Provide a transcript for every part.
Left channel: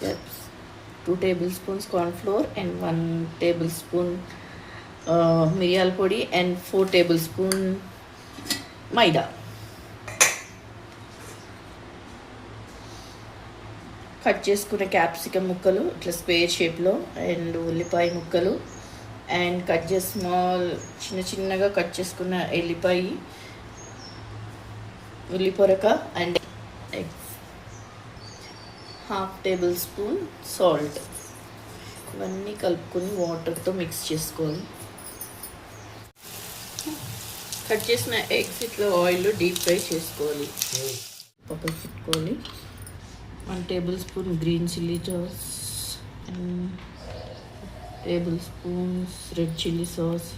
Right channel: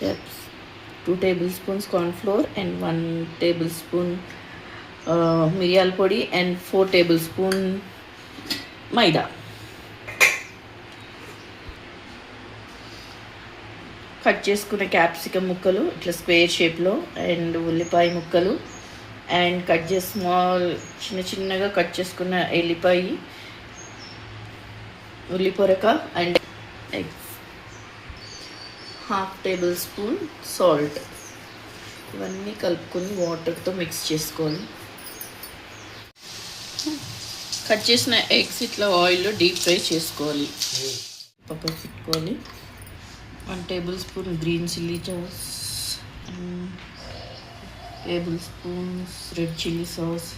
That's 2 tablespoons corn flour and 1 tablespoon మిరియాల పొడి and 4 tablespoon మైదా. కట్ చేసుకున్న క్యాప్సికమ్ ముక్కలు ఇట్లా స్క్వేర్ షేప్లో, అండ్ ఉల్లిపాయ ముక్కలు, అండ్ కట్ చేసి చిన్న చిన్నగా కట్ చేసుకున్న ఎల్లిపాయ, ఉల్లిపొరక అండ్ ఎగ్స్, 1/2 tablespoon సాల్ట్. ఇవన్నీ కలుపుకొని వాటర్తో మిక్స్ చేసుకోవాలి. కట్ చేసిన ఎగ్స్ ఇట్లా ఆయిల్లో డీప్ ఫ్రై చేసుకోవాలి. పక్కన పెట్టుకోవాలి. 1 tablespoon green chilli sauce, tablespoons red chilli sauce,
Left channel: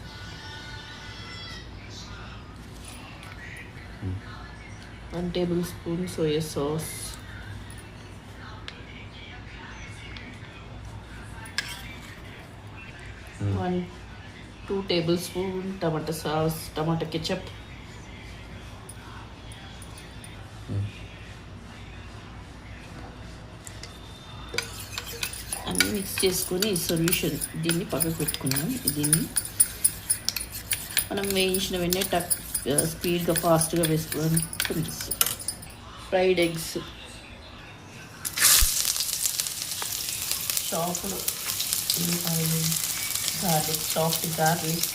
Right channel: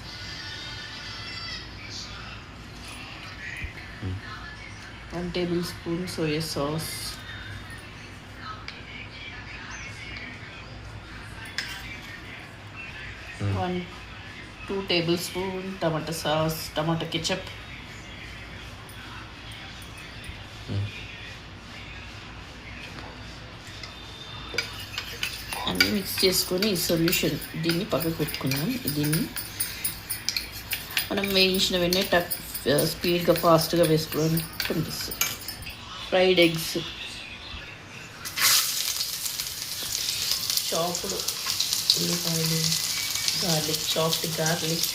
1 tablespoon soya sauce, 2 tablespoon tomato sauce, tomato ketchup, అన్నీ మిక్స్ చేసుకొని ఈ సొల్యూషన్ దీన్ని పక్కకు పెట్టుకున్నాం. దీన్ని మనం వేయించిన వెంటనే స్పీడ్గా ఫాస్ట్గా వేసుకోవడానికి పనిచేస్తుంది. ఫ్రైడ్ ఎగ్స్, చాప్డ్ ఉల్లిపాయలు, garlic, chopped garlic,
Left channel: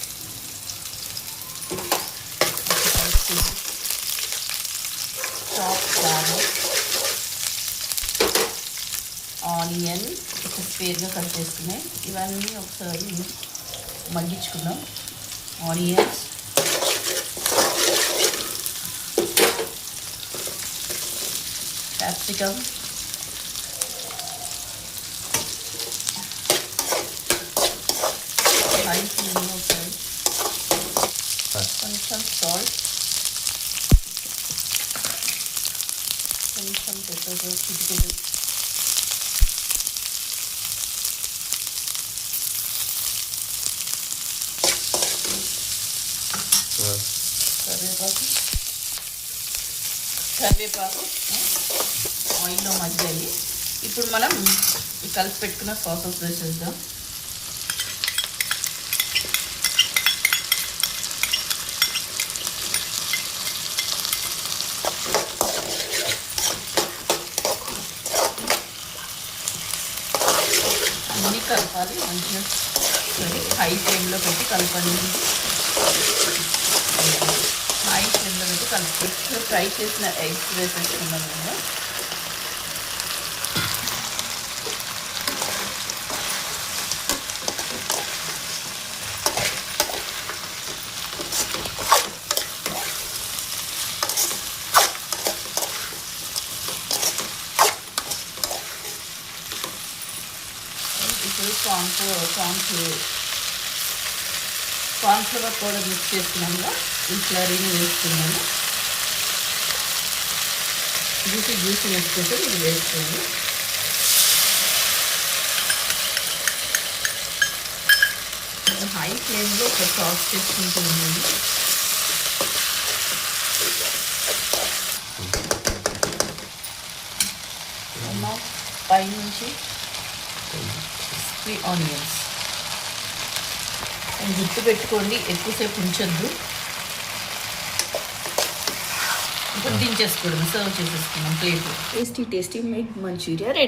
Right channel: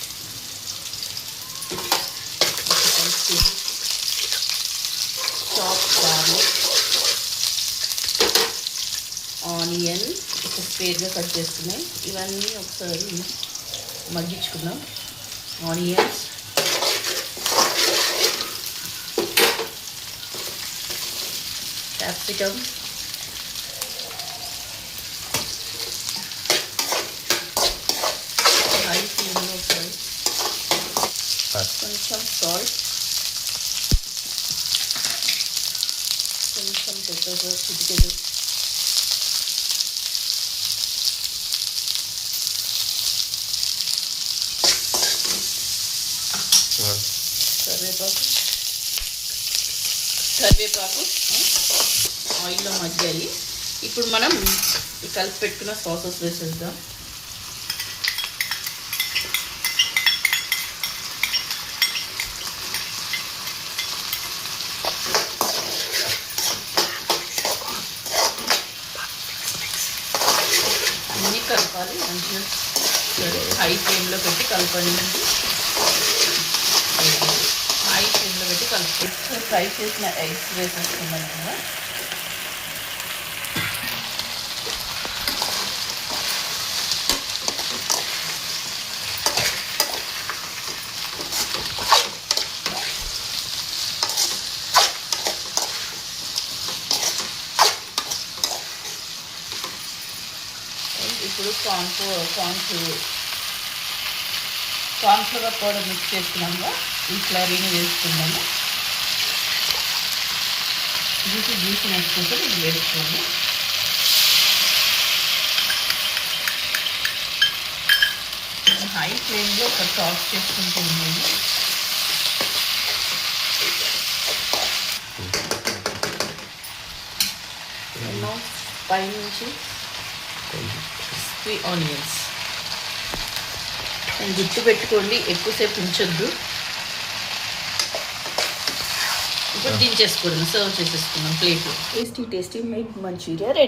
chopped garlic, onion ఒక స్క్వేర్గా కట్ చేసుకున్నాయి. ఇవన్నీ ఒకసారి మగ్గించుకుందాం. ఆనియన్స్, క్యాప్సికమ్, హై ఫ్లేమ్లో ఒకసారి కొంచెం సాల్ట్, కొంచెం పెప్పర్, చిటికెడు కరివేపాకు ఆయిల్లో మగ్గాయి. ఇప్పుడు మనం కలిపి పెట్టుకున్న సాసెస్ వేసేద్దాం. అన్నీ కలపాలి మంచిగా. హై ఫ్లేమ్లో పెట్టి కలపండి. హై ఫ్లేమ్లో పెట్టి కలుపుకొని ఫ్రై చేసిన ఎగ్స్ వేసేసుకున్నాం కదా. ఇప్పుడు కార్న్ఫ్లవర్ పౌడర్ మిక్స్ చేసుకున్నాము. ఈ స్లరీని వేసుకున్నాము. జ్యూసీ వేసుకుంటే ఇది వేసుకోండి. హై ఫ్లేమ్లో ఒక టాస్ చేసుకుంటూ ఉన్నాము. పైనుంచి ఆనియన్స్ గుర్తు పెట్టుకోండి, ఎక్కువసేపు ఉంచొద్దు. ఇప్పుడు దించేసుకోవడం, సర్వ్ చేసేసుకున్నాం ప్లేట్లో. Tasty egg manchuria ready.